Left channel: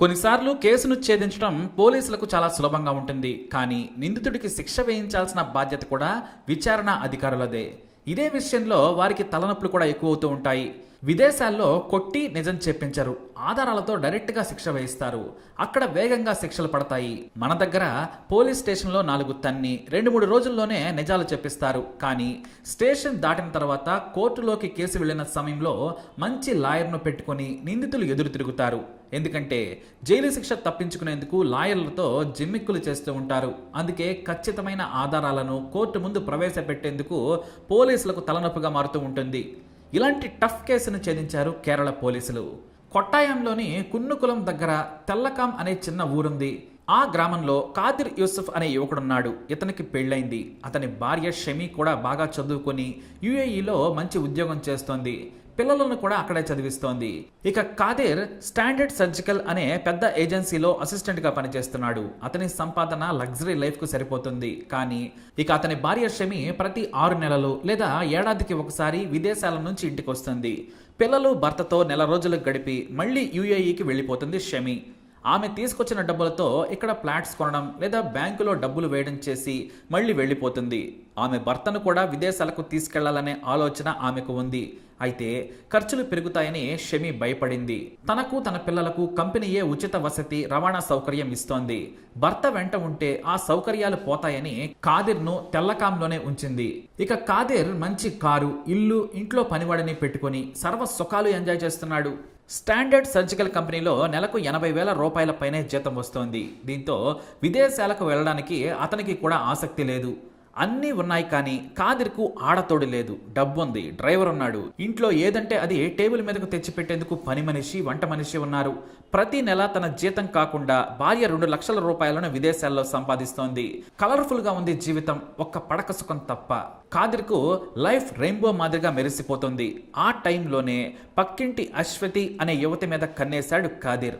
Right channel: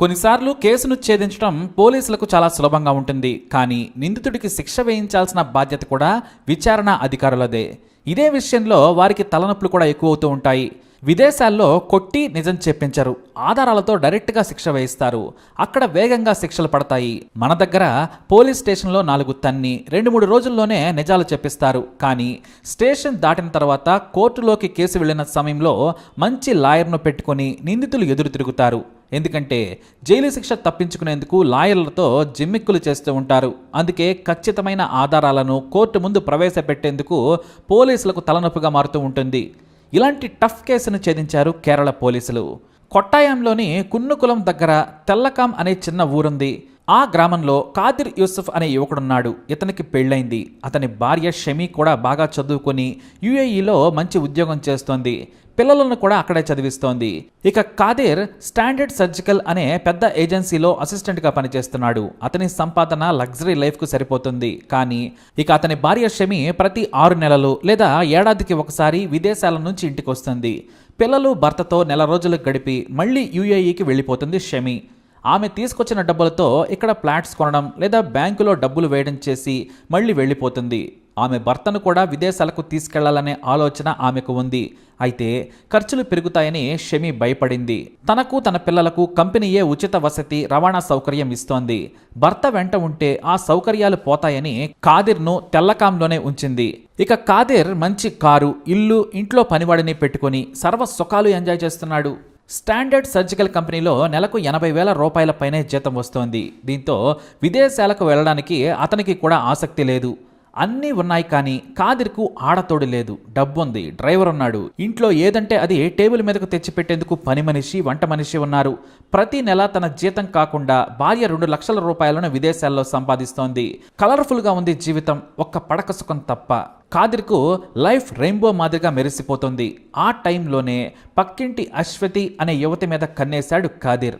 కొన్నిసార్లు కేసును ఛేదించడం పోలీసులకు చాలా సులభంగా ఉంటుంది కానీ నిందితుడికి శిక్ష వేయించాల్సిన బాధ్యత కూడా విచారణ అధికారులదే. ఇదే విషయంలో వారికి తలనొప్పులు కూడా ఎక్కువ అవుతూ ఉంటాయి. విదేశాల్లో కొట్టి నిజం చెప్పించరు. ఆధారాలతో డైరెక్ట్గా శిక్ష వేయిస్తారు. అక్కడ వేగంగా శిక్షలు పడతాయి. మన దగ్గర పోలీస్ స్టేషన్లో నాలుగు తన్ని రెండు మూడు రోజుల్లోనే నిజాలు చెప్పిస్తారు. కానీ స్టేషన్ దాటిన తర్వాత కోర్టులోకి కేసు వెళ్ళిన సమయంలో మంచి లాయర్ను పెట్టుకొని నిందితులు ఎదురు తిరుగుతారు. ఎందుకంటే జైలు శిక్ష తప్పించుకునేందుకు లాయర్లతో జిమ్మిక్కులు చేస్తూ ఉంటారు. అందుకే ఖచ్చితమైన ఆధారాలను కోర్టు ముందు ప్రవేశపెట్టేందుకు పోలీసులకు తలనొప్పిగా మారుతూ ఉంటుంది. ఇలాంటి టఫ్ కేసును ఛేదించారు కేరళ పోలీసులు. కొట్టాయంలోని కున్నుకులం దగ్గర తెల్లకాం అనే చిన్న ఊరుంది. ఆ గ్రామంలో కాదిర్ యూసుఫ్ అనే యువకుడున్నాడు. ఇతనికి పెళ్ళైంది. అతని భార్య షమీ కూడా బాగా చదువుకొని యుఏఈలో మంచి ఉద్యోగం చేస్తోంది. పిల్లలను కూడా అక్కడే చదివిస్తోంది. ఇక కాదేర్ స్టాండర్డ్ సర్జికల్ అనే పెద్ద ఏజెన్సీలో అసిస్టెంట్గా పనిచేస్తున్నాడు. అతని సంపాదన లగ్జరీ లైఫ్కు సరిపోతుంది. కానీ ఇక అతని భార్య షమి ప్రతి ఆరు నెలలు లేదా ఏడాదికి ఒకసారి విదేశాల నుంచి ఇంటికి వస్తుంది పిల్లలు భర్తతో నెల రోజులు గడిపి మళ్ళీ యుఏఈకి వెళ్ళిపోతుంది షమి. ఆమె తీసుకొచ్చిన డబ్బులతో ఇక్కడ ఫ్లాట్స్ కొనడం లేదా బ్యాంకులో డబ్బులు వేయడం చేసి మళ్ళీ వెళ్ళిపోతుంది. ఆమె భర్తను కూడా విదేశాలకు తీసుకెళ్ళాలనే ఆలోచన ఆమెకు ఉంది. అయితే ఖర్చులు పెరుగుతాయని షమి భయపడింది. తనకు తన పిల్లలకు కంపెనీయే ఉచిత వసతి రవాణా సౌకర్యం ఇస్తోంది. భర్త వెంట ఉంటే ఆ సౌకర్యాలు పోతాయని కాదిర్ను తెల్లకాంలోనే ఉంచింది. ఇక కాదిర్ మంచి కారు ఇల్లు ఇంట్లో పనివాడిని పెట్టుకొని సర్వ సుఖాలు ఎంజాయ్ చేస్తున్నాడు. స్టాండర్డ్ సర్జికల్ కంపెనీలో నెలకు ఎనభై వేల రూపాయల పైనే జీతం వస్తోంది. దీంతో విదేశాలకు వెళ్ళడానికి అతనికి కూడా ఆసక్తి లేదు. అన్నీ ఉన్నాయి కానీ కాదిర్కు ఆడతోడు లేదు డబ్బు ఉంది డ్రైవర్ ఉన్నాడు. ఇంట్లో ఏదంటే అది టేబుల్ మీదకు తెచ్చిపెట్టేందుకు పని మనిషి వంట మనిషి ఉన్నారు. ప్రతి నెల తన జీతం కాకుండా భార్య రెండు లక్షల రూపాయలను విదేశాల్లో సంపాదిస్తోంది. కలర్ఫుల్గా ఉంది జీవితం ఒక్క పడక సుఖం తప్ప. కాదిర్కు లైఫ్ రెయిన్బో మాదిరిగా మెరిసిపోతుంది. ఆ టైంలోనే పక్కింటి అశ్వతి అనే యువతి మీద కన్నేశాడు కాదిర్.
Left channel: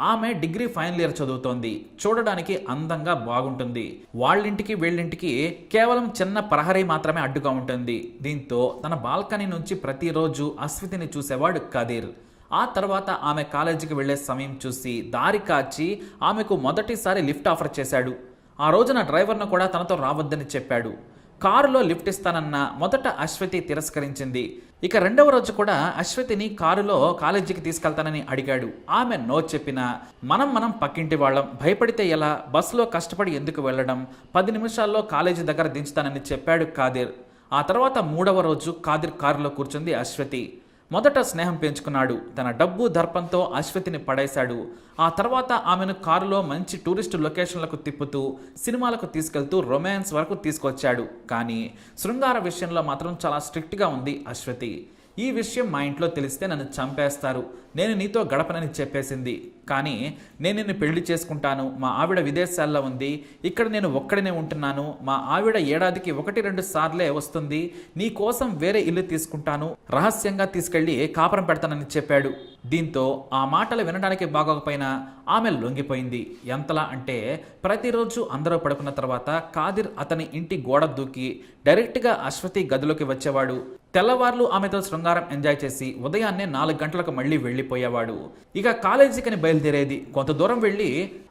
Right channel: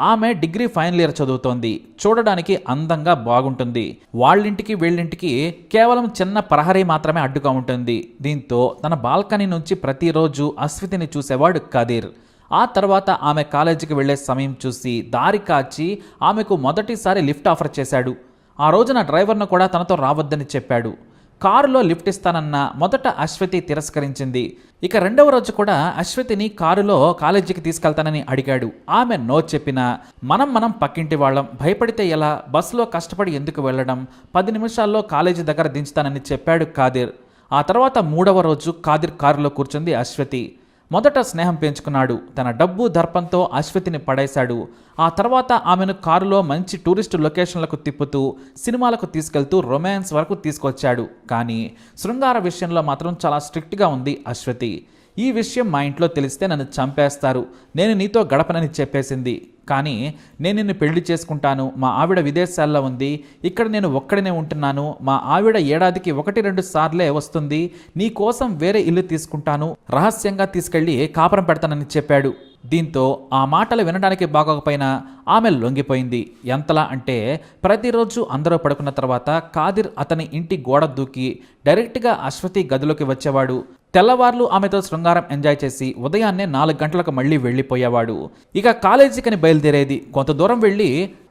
ఆమె డిగ్రీ ఫైనల్ ఇయర్ చదువుతోంది. చూడడానికి అందంగా బాగుంటుంది. వాళ్ళింటికి వీళ్ళింటికి కేవలం చిన్న ప్రహరీ మాత్రమే అడ్డుగా ఉంటుంది. దీంతో తన బాల్కనీ నుంచి ప్రతిరోజు అశ్వితిని చూసేవాడు కదీర్. ఆ తర్వాత ఆమె కాలేజీకి వెళ్ళే సమయం చూసి దారి కాచి ఆమెకు మొదటిసారి లిఫ్ట్ ఆఫర్ చేశాడు. ఆ రోజున డ్రైవర్ను కూడా తనతో రావద్దని చెప్పాడు. కారులో లిఫ్ట్ ఇస్తానన్న మొదట అశ్వతి తిరస్కరించింది. ఇక రెండవ రోజు కూడా అశ్వతిని కారులో కాలేజీకి తీసుకెళ్తానని అడిగాడు. ఆమె నో చెప్పినా మనం మనం పక్కింటి వాళ్ళం. భయపడితే ఎలా? బస్సులో కష్టపడి ఎందుకు వెళ్ళడం? పది నిమిషాల్లో కాలేజీ దగ్గర దించుతానని చెప్పాడు కాదిర్. ఆ తర్వాత మూడవ రోజు కాదిర్ కారులో కూర్చుంది అశ్వతి. మొదట స్నేహం పెంచుకున్నాడు. తన డబ్బు దర్పంతో అశ్వతిని పడేశాడు. ఆ తర్వాత ఆమెను కారులో మంచి టూరిస్టు లొకేషన్లకు తిప్పుతూ సినిమాలకు తీసుకెళ్తూ రొమాన్స్ వరకు తీసుకొచ్చాడు. కానీ శృంగార విషయంలో మాత్రం చాలా స్ట్రిక్ట్గా ఉంది అశ్వతి. ఈ విషయం మా ఇంట్లో తెలిస్తే నన్ను చంపేస్తారు. నేను నీతో గడపనని చెప్పేసింది. కానీ నేను నిన్ను పెళ్ళి చేసుకుంటాను. మా ఆవిడ విదేశాల్లో ఉంది. ఇక్కడ నేను ఒక్కడనే ఉంటున్నాను. మా ఆవిడ ఏడాదికి ఒకటి రెండు సార్లే వస్తుంది. నీ కోసం వేరే ఇల్లు తీసుకుంటాను. రహస్యంగా తీసుకెళ్ళి కాపురం పెడతానని చెప్పాడు. దీంతో ఆ మాటలు వినడానికి బాగోకపోయినా ఆమె లొంగిపోయింది. ఎంతలా అంటే ప్రతిరోజు అందరూ పడుకున్న తర్వాత కాదిర్ అతని ఇంటి గోడ దూకి డైరెక్ట్గా అశ్వతి గదిలోకి వచ్చేవాడు. తెల్లవార్లు ఆమెతో శృంగారం ఎంజాయ్ చేసి ఉదయాన్నే నాలుగు గంటలకు మళ్ళీ వెళ్ళిపోయేవాడు. ఇక కాలేజీకని బయలుదేరేది. కొంత దూరం వెళ్ళి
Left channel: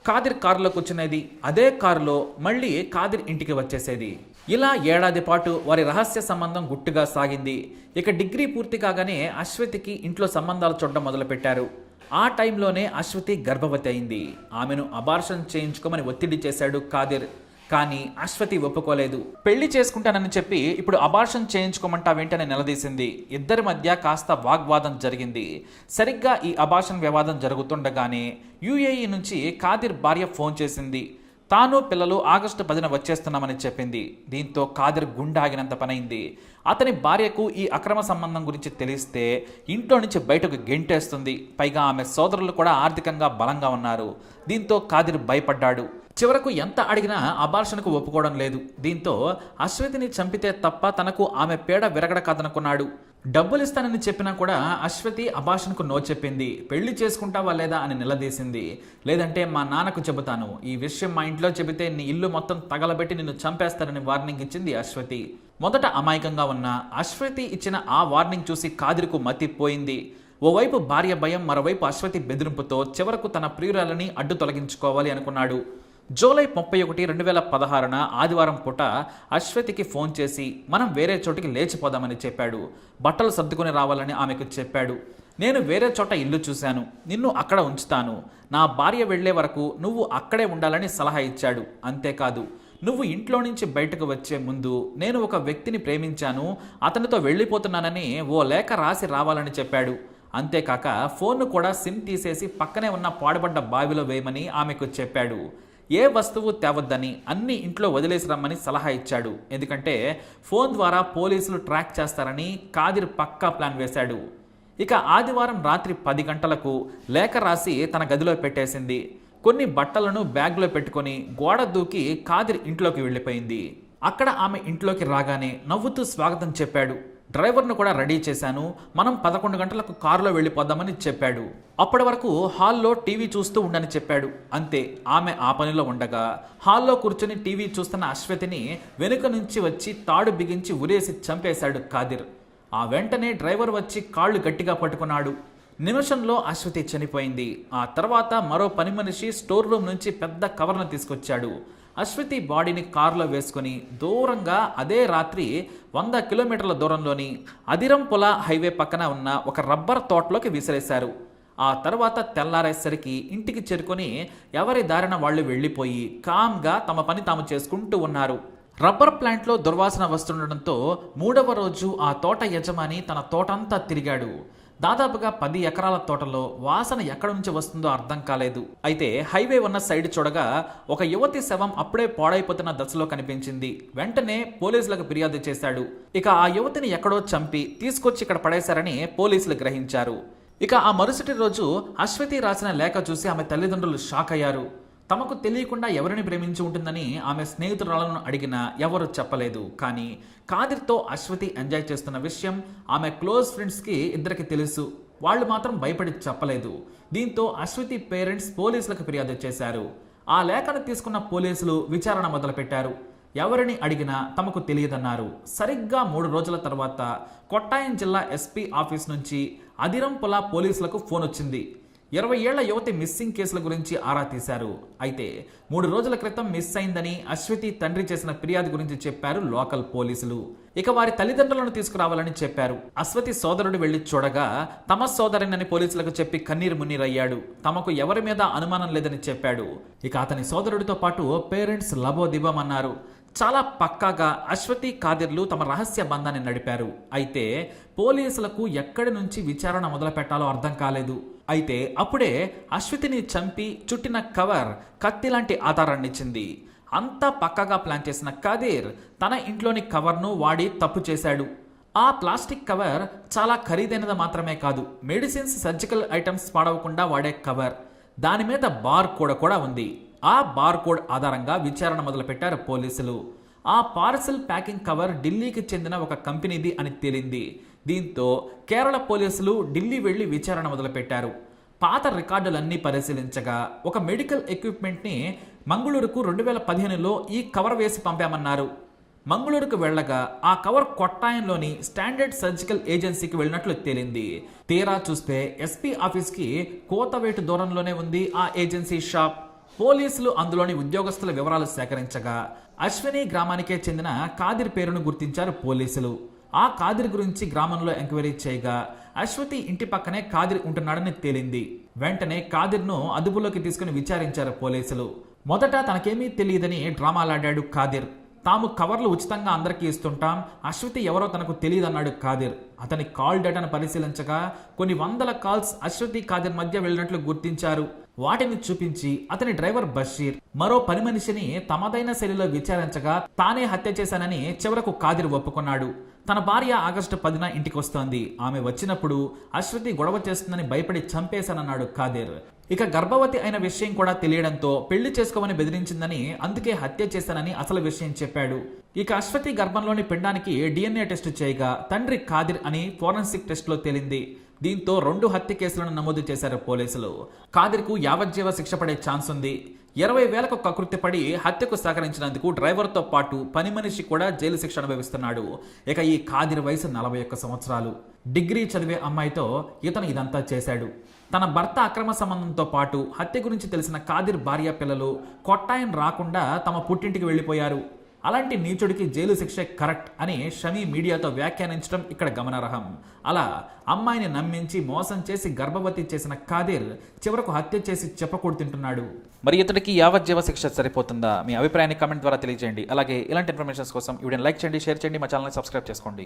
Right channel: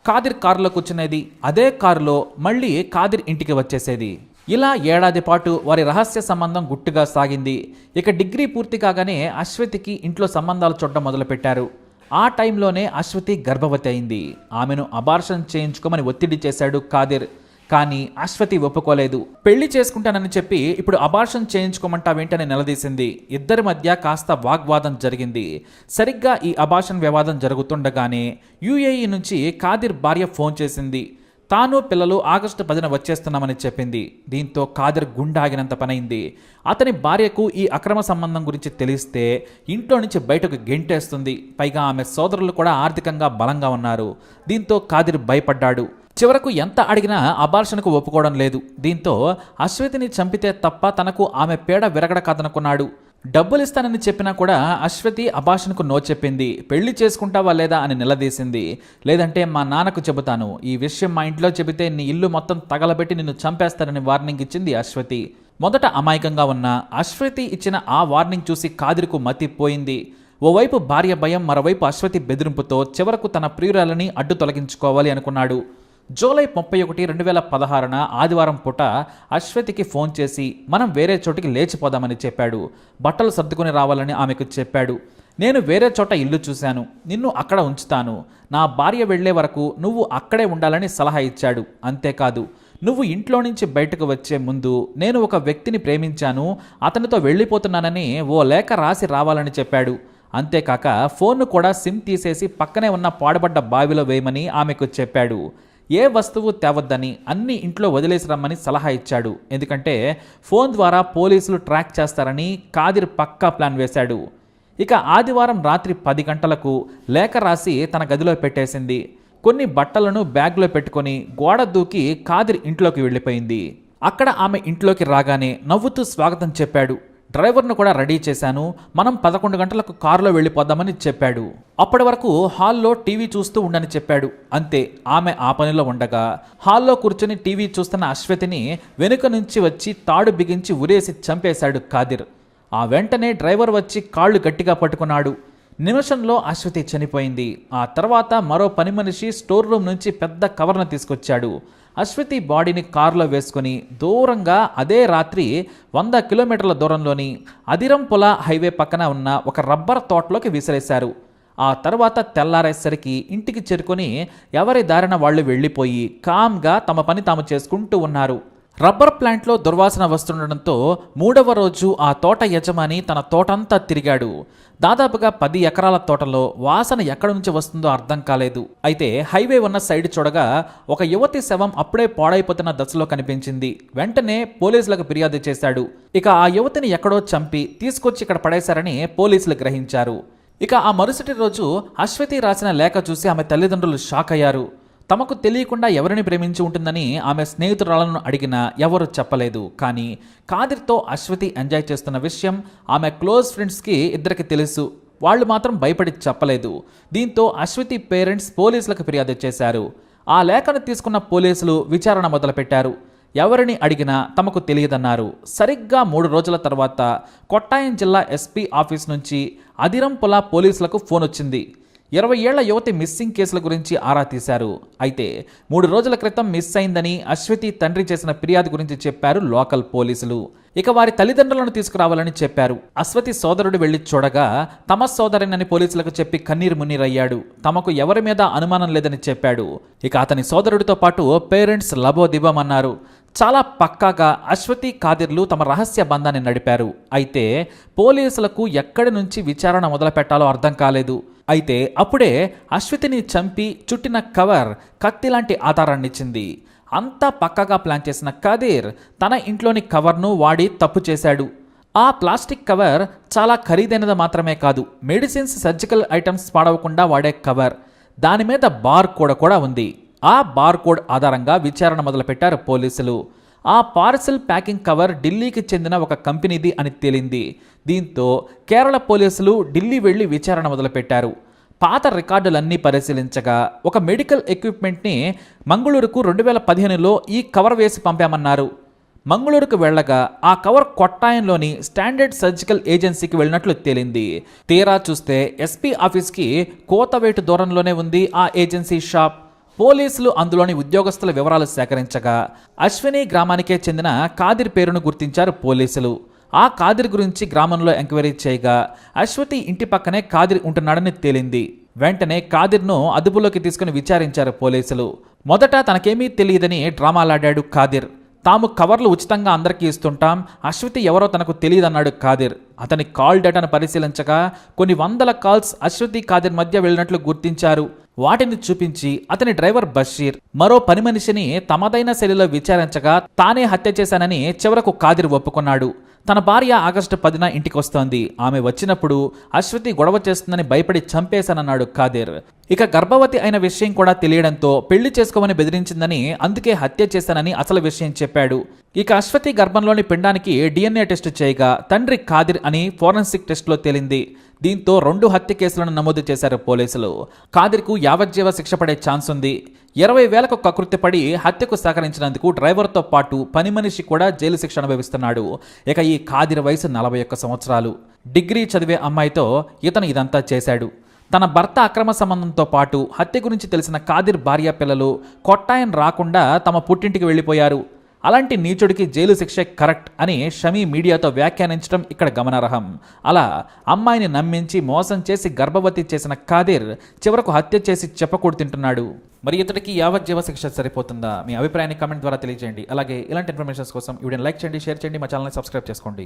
కాదిర్ కారులో కూర్చునేది. అదే కారులో మళ్ళీ కాదిర్ ఇంటికి వచ్చేసేది. ఇలా ఏడాది పాటు వారి రహస్య సంబంధం గుట్టుగా సాగింది. ఇక డిగ్రీ పూర్తి కాగానే అశ్వతికి ఇంట్లో సంబంధాలు చూడడం మొదలుపెట్టారు. ఆ టైంలోనే అశ్వతి గర్భవతి అయింది. ఆమెను అబార్షన్ చేయించుకోమని ఒత్తిడి చేశాడు కాదిర్. కానీ అశ్వతి ఒప్పుకోలేదు. పెళ్ళి చేసుకుంటానని చెప్పి ఇప్పుడు అబార్షన్ చేయించుకోమంటావేంటని నిలదీసింది. ఇద్దరి మధ్య కాస్త వాగ్వాదం జరిగింది. సరిగ్గా ఈ అబార్షన్ వివాదం జరుగుతుండగానే యుఏఈ నుంచి కాదిర్ భార్య ఫోన్ చేసింది. తాను పిల్లలు ఆగస్టు పదిన వచ్చేస్తున్నామని చెప్పింది. దీంతో కాదర్ గుండాగినంత పనైంది. అతని భార్యకు ఈ అక్రమ సంబంధం గురించి తెలిస్తే ఇంట్లో నుంచి బయటకు గెంటేస్తుంది. పైగా ఆమె సోదరులు కూడా ఆర్థికంగా బలంగా ఉన్నారు. దీంతో కాదిర్ భయపడ్డాడు. చివరకు ఎంత అడిగినా అబార్షన్కు ఒప్పుకోవడం లేదు. దీంతో అశ్వతిని చంపితే తప్ప తనకు ఆమె పేడ విరగడ కాదనుకున్నాడు డబ్బులు ఇస్తానని చెప్పినా కూడా అశ్వతి అభాషణకు నో చెప్పింది. పెళ్ళి చేసుకుంటావా లేదా అని నిలదీసింది. లేదంటే మా నాన్నకు చెబుతాను. ఈ విషయం మా ఇంట్లో చెబితే నీ ఇల్లు మొత్తం తగలబెట్టి నిన్ను చంపేస్తానని వార్నింగ్ ఇచ్చింది అశ్వతి. మొదట అమాయకంగా ఉన్న అశ్వతి ఇచ్చిన ఆ వార్నింగ్ చూసి కాదిరికు మతిపోయింది. ఓవైపు భార్య భయం మరోవైపు అశ్వతి బెదిరింపుతో చివరకు తన ప్రియురాలని అడ్డు తొలగించుకోవాలి అనుకున్నాడు. జూలై ముప్పై ఒకటి రెండు వేల పదహారున ఆదివారం పూట అశ్వతికి ఫోన్ చేసి మనం వేరే చోటికి లేచిపోదామని చెప్పాడు. బట్టలు సర్దుకుని రావాలని ఆమెకు చెప్పాడు. నేను వేరే చోట ఇల్లు చూశాను. నిన్ను అక్కడ ఉంచుతాను. నా భార్య వెళ్ళే వరకు నువ్వు అక్కడే ఉండాలని సలహా ఇచ్చాడు. అంతేకాదు నువ్వు ఇంట్లో నుంచి బయటకు వచ్చే ముందు నేను ఒక వ్యక్తిని ప్రేమించాను. అతనితో వెళ్ళిపోతున్నానని ఓ లేఖ రాసి రావాలని చెప్పాడు. అంతేకాక ఫోన్ను కూడా సిమ్ తీసేసి పక్కనే ఉన్న పాడుబడ్డ బావిలో వేయమని ఆమెకు చెప్పాడు. ఏ వస్తువు తేవద్దని అన్ని ఇంట్లో వదిలేసి రమ్మని సలహా ఇచ్చాడు. ఎందుకంటే ఫోన్ ద్వారా పోలీసులు ట్రాక్ చేస్తారని కాదిర్ పక్కా ప్లాన్ వేశాడు. ఇక ఆదివారం రాత్రి పది గంటలకు లేఖ రాసి తన గదిలో పెట్టేసింది. కొన్ని బట్టలను బ్యాగ్లో పెట్టుకొని గోడ దూకి కాదిర్ ఇంట్లోకి వెళ్ళిపోయింది. అక్కడ ఆమె ఇంట్లోకి రాగానే నవ్వుతూ స్వాగతం చెప్పాడు. డ్రైవర్ను కూడా రెడీ చేశాను. మనం పదకొండు గంటలకు కారులో వెళ్ళిపోదామని చెప్పాడు. అప్పటి వరకు హాల్లో టీవీ చూస్తూ ఉండని చెప్పాడు. అంతే ఆమె ఆ పనిలో ఉండగా హాల్లో కూర్చొని టీవీ చూస్తున్న అశ్వతిని వెనుక నుంచి వచ్చి తాడు బిగించి ఉరేసి చంపేశాడు కాదిర్. ఆ వెంటనే డ్రైవర్ వచ్చి కాళ్ళు గట్టిగా పట్టుకున్నాడు. నిమిషంలో అశ్వతి చనిపోయింది. ఆ తర్వాత మరో పని మనిషి స్టోర్ రూమ్ నుంచి పెద్ద కవర్ను తీసుకొచ్చాడు. అశ్వతి బాడీని కారులో వేసుకుని దూరంగా అదే రాత్రి వంద కిలోమీటర్ల దూరంలోని అదిరంపుల హైవే పక్కన ఉన్న ఒక రబ్బర్ తోటలోకి విసిరేశారు. ఆ తర్వాత తెల్లారేసరికి ఇంటికి చేరుకొని ఎవరి దారిన వాళ్ళు వెళ్ళిపోయి కామ్గా తమ పని తాము చేసుకుంటూ ఉన్నారు. రబ్బర్ ప్లాంట్లో దుర్వాసన వస్తుండడంతో మూడవ రోజు ఆ తోట యజమాని తన తోటంతా తిరిగాడు. దాదాపుగా పది ఎకరాల తోటలో వాసన ఎక్కడి నుంచి వస్తుందో అర్థం కాలేదు. అయితే హైవే ఉన్న సైడ్ చూడగా ఒక యువతి శవం అప్పుడే పాడైపోతున్న దశలో కనిపించింది. వెంటనే పోలీసులకు ఫిర్యాదు చేశాడు. ఇక ఆ యువతిని ఎక్కడో చంపి తీసుకొచ్చి ఇక్కడ పడేశారని పోలీసులు గ్రహించారు. ఇక ఆ మరుసటి రోజు అశ్వతి రాసిన లేఖ చూసి ఆమె తల్లిదండ్రులు షాక్ అయ్యారు తమకు తెలియకుండా ఎవరిని ప్రేమించి ఉంటుందని ఆమె స్నేహితురాలను అడిగినా ఎవరు చెప్పలేదు. కానీ కాదిర్తో అశ్వతి ఎంజాయ్ చేస్తున్న విషయం ఆమె క్లోజ్ ఫ్రెండ్స్కి ఇద్దరికి తెలుసు. వాళ్ళు మాత్రం భయపడి చెప్పలేదు. దీంతో అశ్వతి పేరెంట్స్ పోలీసులకు ఫిర్యాదు చేశారు. ఆ లేఖను తీసుకున్న పోలీసులు విచారణ మొదలుపెట్టారు. ఎవరిని అడిగినా తమకు తెలియదన్నారు. సరిగ్గా మూడు రోజుల తర్వాత కొట్టాయం జిల్లా ఎస్పీ ఆఫీస్ నుంచి అదిరంపుల పోలీసులకు ఫోన్ వచ్చింది. ఇరవై ఏళ్ళ యువతి మిస్సింగ్ కేసుల గురించి ఆరా తీశారు. అయితే మూడు రోజుల క్రితం మిస్ అయిందని అశ్వతి తండ్రి చేసిన ఫిర్యాదు గురించి చెప్పారు లోకల్ పోలీసులు. ఇక వారి తల్లిదండ్రులను తీసుకురావాలని చెప్పారు. అశ్వతి సోదరుడు వెళ్ళి చూడగా తమ సోదరునని పోలీసులకు చెప్పి కన్నీరు మున్నీరయ్యాడు. తమకు ఎవరి మీద అనుమానం లేదని చెప్పాడు. ఇక అతని సోదరుడితో పాటు పేరెంట్స్ లబోదిబమన్నారు. చాలా పక్కాగా అశ్వతి కాదిర్లు తమ రహస్య బంధాన్ని నడిపారు. అయితే పోలీసులకు ఎక్కడి నుంచి విచారణ మొదలుపెట్టాలో అర్థం కాలేదు. అయితే అప్పుడే అశ్వతిని చంపి చుట్టిన కవర్ కత్తి లాంటి ఆధారాన్నిచ్చింది అంతా పక్కగా ప్లాన్ చేసిన కదీర్ తన ఇంట్లోని కవర్ను వాడి తప్పు చేశాడు. ఆ ప్లాస్టిక్ కవర్ చాలా ఖరీదైనది మాత్రమే కాదు మెడిసిన్స్ సర్జికల్ ఐటమ్స్ పాడవకుండా వాడే కవర్. దాని మీద బార్ కూడా కూడా ఉంది. ఆ బార్కోడ్ ఆధారంగా విచారణ మొదలుపెట్టారు పోలీసులు. ఆ పార్సెల్ ప్యాకింగ్ కవర్ ఢిల్లీకి చెందిన ఒక కంపెనీది అని తేలింది. దీంతో కేరళ పోలీసులు ఢిల్లీ వెళ్ళి విచారణ మొదలుపెట్టారు. పాత రికార్డులన్నీ పరిశీలించగా ఒక మెడికల్ ఎక్విప్మెంట్ని మంగళూరుకు రెండు వేల పదిహేనులో ఈ కవర్ వేసి పంపామన్నారు. మంగళూరుకు వెళ్ళగా ఆ కవర్ కొట్టాయంలోని స్టాండర్డ్ సర్జికల్ ఏజెన్సీకి వెళ్ళినట్లు తేలింది. తీరా చూస్తే ఎస్పీ ఆఫీస్కి కోతవేటు దూరంలోనే ఉంది ఆ ఏజెన్సీ షాప్. పోలీసులు అందులోని ఉద్యోగస్తుల వివరాలు సేకరించగా అశ్విని గ్రామానికే చెందిన కాదిర్ పేరును గుర్తించారు పోలీసులు. ఆ కాదిర్ గురించి గ్రామంలో ఎంక్వైరీ చేయగా అశ్వతి ఇంటి పక్కనే కాదిర్ ఉంటున్నాడని తేలింది. వెంటనే కాదిర్ను అదుపులోకి తీసుకుని విచారించారు పోలీసులు. మొదట తనకేమీ తెలియదని డ్రామాలాడాడు కాదిర్. తాము కవర్లు ఉచితంగా అందరికీ ఇస్తుంటాం. అశ్వతి ఎవరో తనకు తెలియదన్నాడు కాదిర్. అతని కాల్ డేటాను పరిశీలించగా కొన్ని వందల కాల్స్ అశ్వతి కాదిర్ మధ్య వెళ్ళినట్లు గుర్తించారు. వాటిని చూపించి అతని డ్రైవర్ బషీర్ మరో పని మనిషిని తమదైన శైలిలో విచారించగా తానే హత్య చేశానని చివరకు కాదిర్ ఒప్పుకున్నాడు. తన భార్య ఆగస్టు పదిన ఇంటికి వస్తోంది ఆమె వచ్చినప్పుడు అశ్వతి గొడవ చేస్తుందని భయపడి చంపేశానన్నాడు ఖాదీర్. ఇక గర్భవతి అయిన విషయం కూడా తెలియడంతో పెళ్ళి చేసుకోమని బెదిరించిందని అందుకే హత్య చేశానని అసలు విషయం చెప్పాడు. ఇక అశ్వతి గర్భంలోని పిండానికి డిఎన్ఏ టెస్టు చేయగా తండ్రి కాదిర్ అని ఫోరెన్సిక్ టెస్ట్లో తేలింది. దీంతో రెండు హత్య కేసులను నమోదు చేశారు పోలీసులు. కాదిర్కు యావజ్జీవ శిక్ష పడే ఛాన్స్ ఉంది. ఇరవై వేలకు కకృత్యపడి హత్యకు సహకరించినందుకు డ్రైవర్తో పాటు పని మనిషి కూడా జైలు శిక్ష అనుభవిస్తున్నాడు. ఇక ఈ కాదిర్ వయసు నలభై ఒక్క సంవత్సరాలు. డిగ్రీ చదివే అమ్మాయితో ఇతను ఇదంతా చేశాడు. తన భర్త అక్రమ సంబంధంతో పాటు హత్య గురించి తెలిసిన కాదిర్ భార్య పిల్లలు కొట్టాయన్ రాకుండా తమ పుట్టింటికి వెళ్ళిపోయారు. అలాంటి నీచుడికి జైలు శిక్ష కరెక్ట్ అని షమీ మీడియాతో వ్యాఖ్యానించడం ఇక్కడ గమనార్హం. అలా అమ్మాయిని నమ్మించి మోసం చేసి గర్భవతి చేసిన కాదిర్ చివరకు హత్య చేసి చెప్పకూడు తింటున్నాడు. మరి ఇతడికి యావజ్జీవ శిక్ష సరిపోతుందా? మీ అభిప్రాయాన్ని కమెంట్ ద్వారా తెలియజేయండి. అలాగే ఇలాంటి ఇన్ఫర్మేషన్స్ కోసం వీడియోని లైక్ చేయండి షేర్ చేయండి. మా ఛానల్ని సబ్స్క్రైబ్ చేసుకోండి.